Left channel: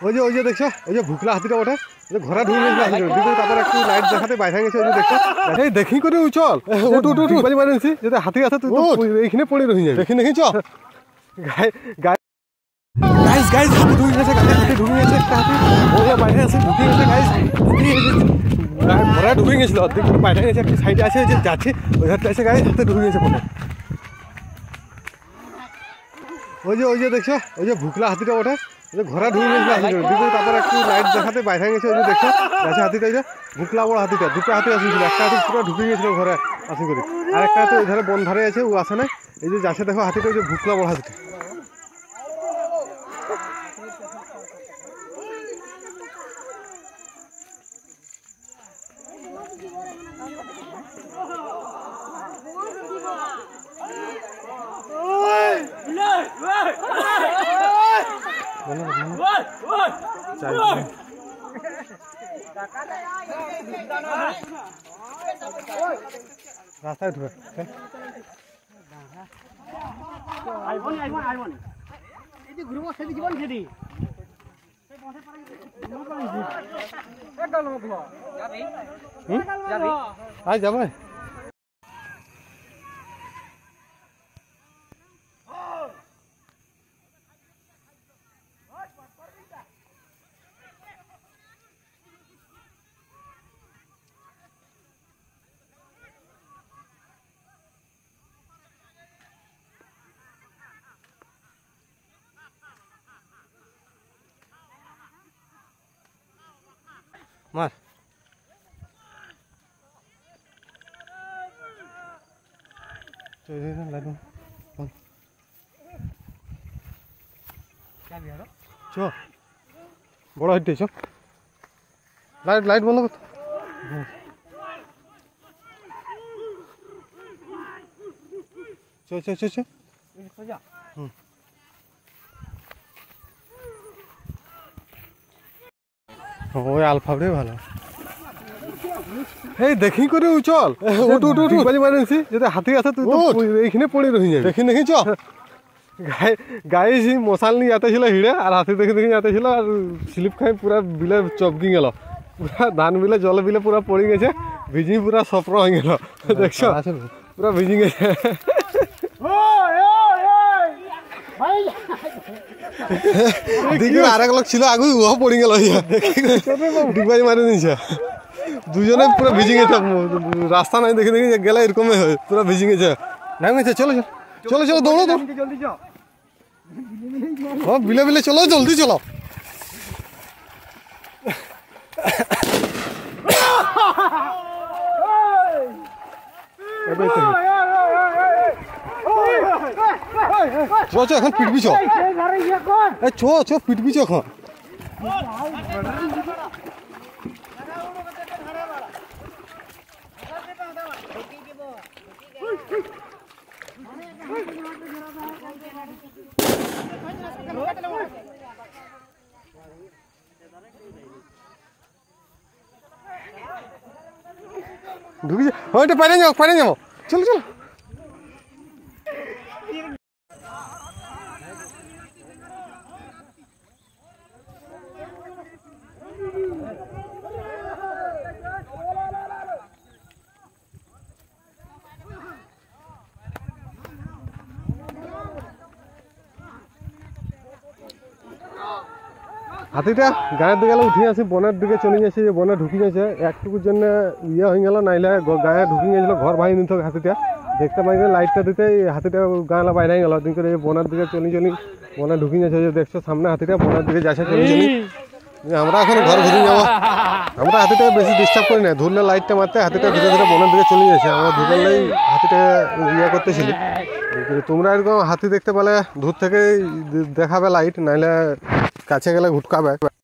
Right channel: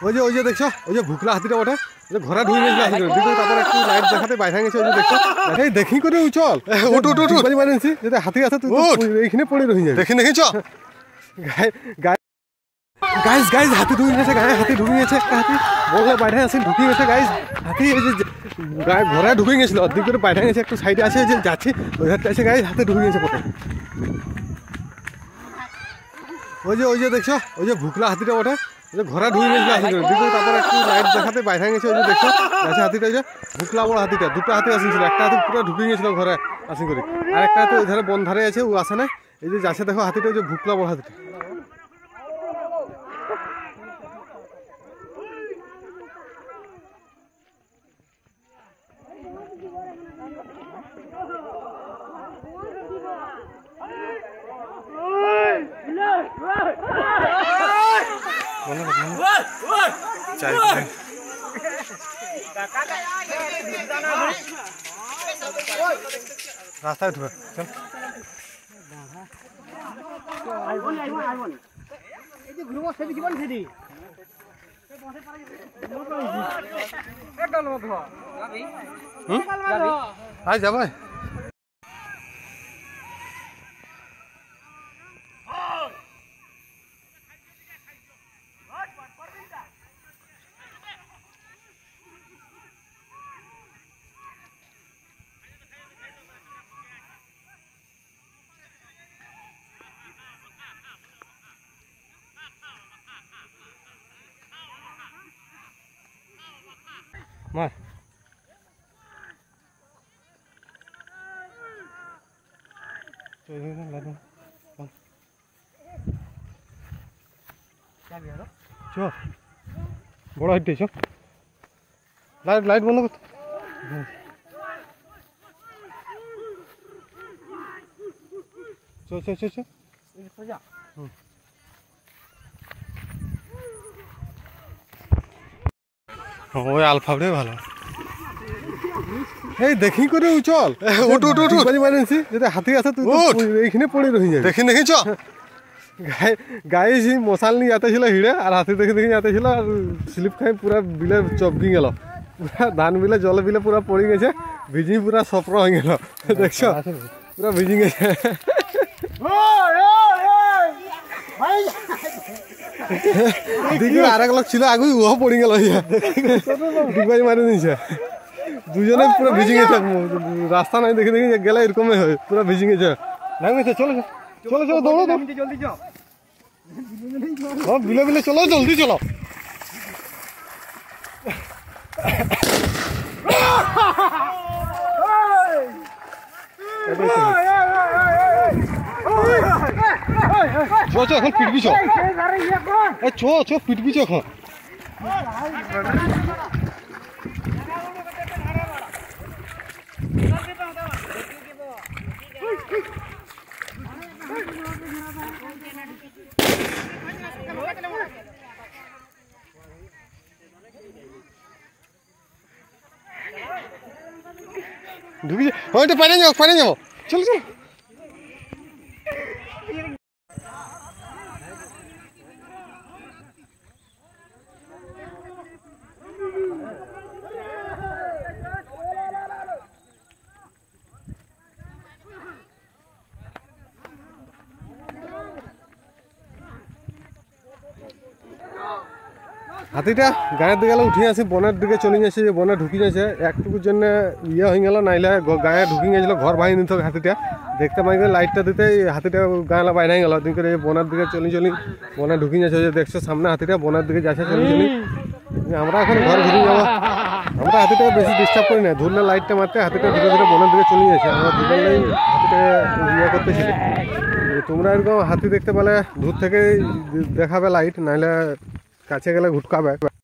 ওই যে দেখছো, ওই যে ভুকলা হাতিটা ওঠে, ঘরে ঢুকে গেছিল হাতিটা, দিকে তারপর একটু লাইট দেখাতে বাইরে গেছে। ওই যে দেখছো, এই দেখি করে চল, ওটু ওটু ওটু বাড়ি মারেছি, যদি হাতি আছে তুই এইখানে পড়ে রয়ে যাবে। দেখি চ গাইস গাইস, হাতি ঢুকে গেছে, গায়ে হাতি ঢুকে গেছে, একটা হাতি বললে বাইরে আছে ঢুকে গেছে গাইস। হাতি এই যে গায়ে ঘরে ঢুকে গেছিল, অর্ধেক করে বাইরে গেছে, একটু সাইডে আছে যে যাচ্ছে ওই হাতটা আছে গাইস, হাতি ঢুকে গেছে পড়ে। ওই যে দেখছো, ওই যে ভুকলা হাতিটা ওঠে, ঘরে ঢুকে গেছিল হাতিটা, দিকে তারপর একটু লাইট দেখাতে বাইরে গেছে। ওই যে দেখছো যাচ্ছে হাতিটা, ওই যে ভুকলা বড় হাতিটা, দুটো হাতি আসছিল, একটা হাতি পুরো ঢুকে গেছিল ঘরে আসি করে, আর একটা হাতি ওই ধারে বন ধারে আছে, ও আসে না। এই যে যাচ্ছে দেখো হাতিটা, ওই যে ভুকলা বড় হাতিটা। রাস্তায় উঠবে চল। আজ যাবে মার। চ বড় হাইটে চ, লাইট লাইট বন্ধ করতো। চ চ চ চ ওই আলফাবটাই ভালো। এই দেখি করে চল, ওটু ওটু ওটু বাড়ি মারেছি, যদি হাতি আছে তুই এইখানে পড়ে রয়ে যাবে। দেখি দেখি চ। গায়ে মশাল নিয়ে যেতে ছিল হিড়ে, আর হাতি দেখে দেখে যেতে ছিল, আর স্লিপ খাই পুরা বিলে চপকি গেল, পুরা ধান বিলে জল বিলে পুরা পড়ে গেছে, ভিজি পুরা সফর হয়ে গেল। দেখছো পুরা ভিজি গেছে। দিকে আরেক লোক ছিল আগুই, ও পড়ে গেল, ডিগবাজি মারি দিয়েছে। দুজনে পুরো ভিজি গেছে, রাস্তা নাই দেখে দেখে গেলে এরকমই হয়, পুরো ভিজি গেছে। নাম গেছে, চলো চলো চলো দৌড়ো দৌড়ো, বিলে বিলে চলো, জলদি চলো। চ এখন পিটবি, চ চ পিটবি চ এখন। ঢুকে হয়তো পারে যাবো চলো চলো। হাতিটা গায়ের দিকে উঠে আসি, বনের দিকে চলে যাচ্ছে, যে বনে ঢুকি যাচ্ছে, একটুকুর জন্য ইয়ে হয়ে গেল, নাইলে গায়ে ঢুকি গেছিল, ঘর ভাঙি নিত হাতিটা। দেখতে পাই লাইটটা দিতে হাতিটা গাঁলা বাইরে গেল, দিন করে বনের দিকে চলি বনে ঢুকি যাচ্ছে। যে দেখছো সামনে হাতিটা বনের দিকে যাচ্ছে চলি। আমরা এখন ঘর ঘুরে যাবো, আমরা হাতিটা বেশি ডিস্টার্ব করি না, ধরলে লাইটটা মারতে হাতিটা ধীরে ধীরে বনের দিকে চলে যাচ্ছে। আমরা ধরলেই হাতিটা ইয়ে করতেছিলি। তোমরা এরকম হাতি দেখতে পেলে দূর থেকে দেখাবে লাইট, নাইলে কাছে গেলে ঘুটকাবে।